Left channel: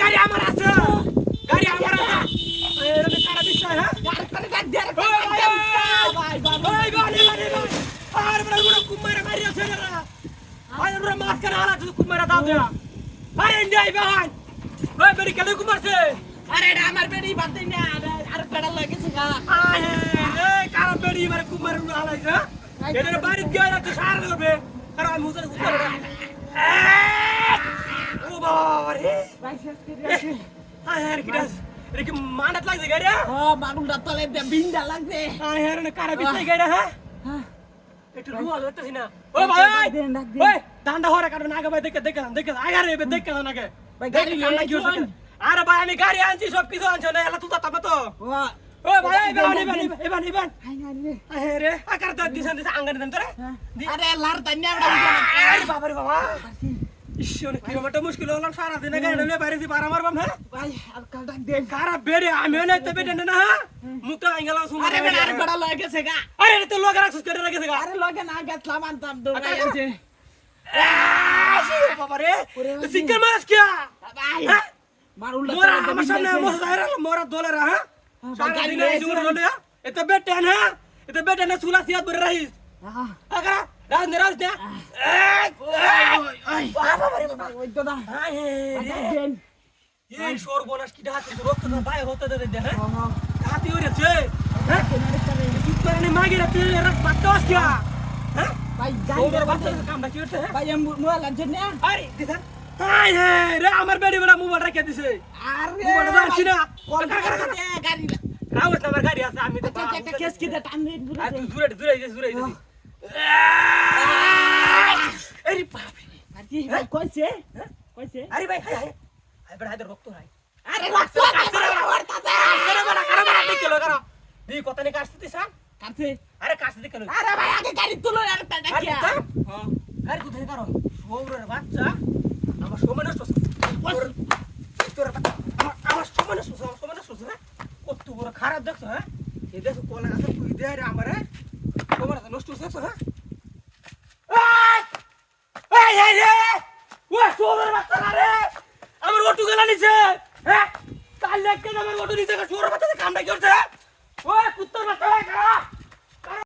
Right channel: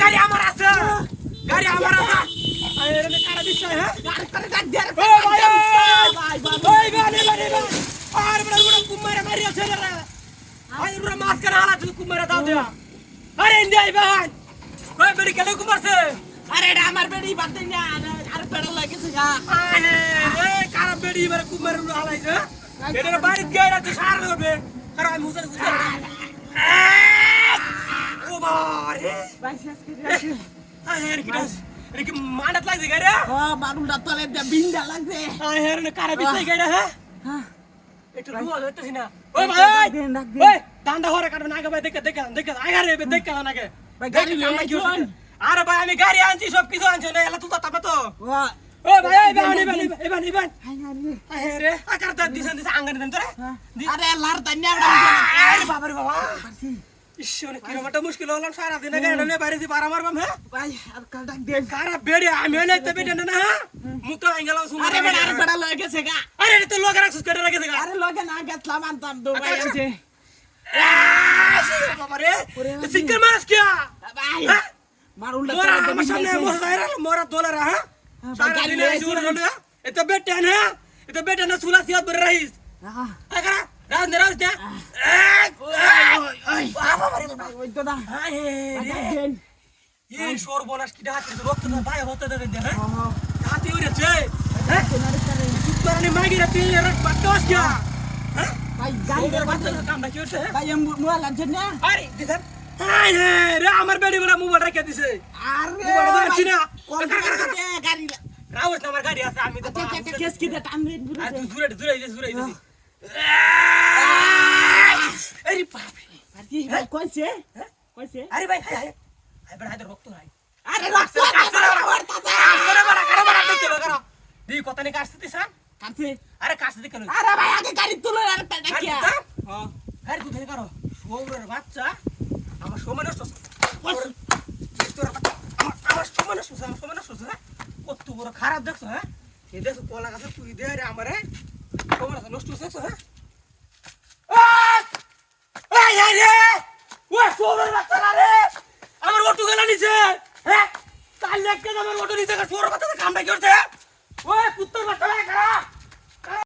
গাড়ি আমার আছে গাড়ি আমার আছে এরকম কারা দিছ হ্যাঁ গাড়ি করে ডাক দে রে ভাই ভাই আর বড় বড় কুমারে মারি আছে রে আয় বড় মাছ করে হালা তুই কুমারে দাও দে আরে ইন্ডিয়াই ভাই ওই বেড়ি কেন কুমারছে আরে এটা আমার বেড়ি বাদ দে না আর পেড়া লাগেছে গা আরে এই কারা বেড়ি মারে কুমারে হালাইছে এটা বাড়ি গিয়ে রাতে সার হবে আর আমি মুজে গুজে ও বাবা রে ভাই শেষ করে আছে আরে কিডাস রে কি মানত লাগছে গাড়ি হ্যাঁ মানুলটা তলে বিন্দা লাগছে আরে রে কারা বিছে গাড়ি হ্যাঁ একটু রুয়াল হইতেছ না ও ভাই ওই ডান্ডা হরে কাটো নাগে ভাই দেখে আগারে দেখে নাগে ভাই গাড়ি লই গিয়েছ আরে ভাই আমি গাড়ি আনছি সব কিছু আনছো না এলা তুই তাপে তো ও ভাই এবান আরে রে আকার দাদ দিছেন আঙ্গানে দেন তোরে আরে লার দান্না আরে বাবা রে বাবা ইশোনে কিলোমিটার মুশকিল হলো সারা দিন গাড়ি বাইরে দি পার আমার বাম হ্যাঁ ভাই আর কাল ডাক দে কারা বেড়ে আমি নাই তো বেড়ে না হ্যাঁ মুখটা আঙ্গেলা শুন আরে বেড়া লয়ে গেছে গা আরে তো লোক রাখছিস কেটে রাখেছে গা আরে লোকে না গেছলাম আনতাম দো ভাই আছে বাবা রে সিঙ্গেল মাস কি ভাই মারুলটা তো সামনে মোরা দোলে রা হ্যাঁ সারা দিন এই জুড় না এতো বেটে না সুলা সিয়াত बर रहीस আরে রাজ না বাবা রে ওই তো না দেন এই শোর বোনাস কি ডাকে রক্ত না ভাই হতে দে হ্যাঁ হাতি উড়েছে হ্যাঁ চিত্তরনি মাগি রে তুই এর বাতাস কি হ্যাঁ ভাই গাড়ি বাতাস কামটা কি হচ্ছে ভাই মোবাইল আনছেন না আরে দিছেন আয় রে আমার বেডি বলা মোবাইল রেখে দিছে আরে মোবাইল আনছি না কল গাড়ি রাউত আমার গাড়ি আছে আমি তো কেস কি দে টান দে তুই দূরে আরে বাপ রে পার্টি ভাই কইছে আরে ভাই হাই বড় হাতে রক্ত নাই আরে রক্ত কাছে বড় দেখলো দি কত নে কাটছিস কাটছে আরে কাটছে দেখলো আরে ভাই আগে গাড়ি তুলো আর ডাকিয়া হ্যাঁ গাড়ি তুই ধরে সৌরের বাচ্চা আমার সময় নষ্ট তোর আমার সময় নষ্ট কত বড় খারাপ দেখছ হ্যাঁ এই দেখো কলা গাছে পুরি দে রে আমারে সময় নষ্ট হচ্ছে হ্যাঁ এই রে ওই সৌরের বাচ্চা রে আমার অটো গেলা নিছে হ্যাঁ তাই লাগতে আমার অটো নিছে সৌরের বাচ্চা কামটা কি করছে ওই কুত্তার বাচ্চা খারাপ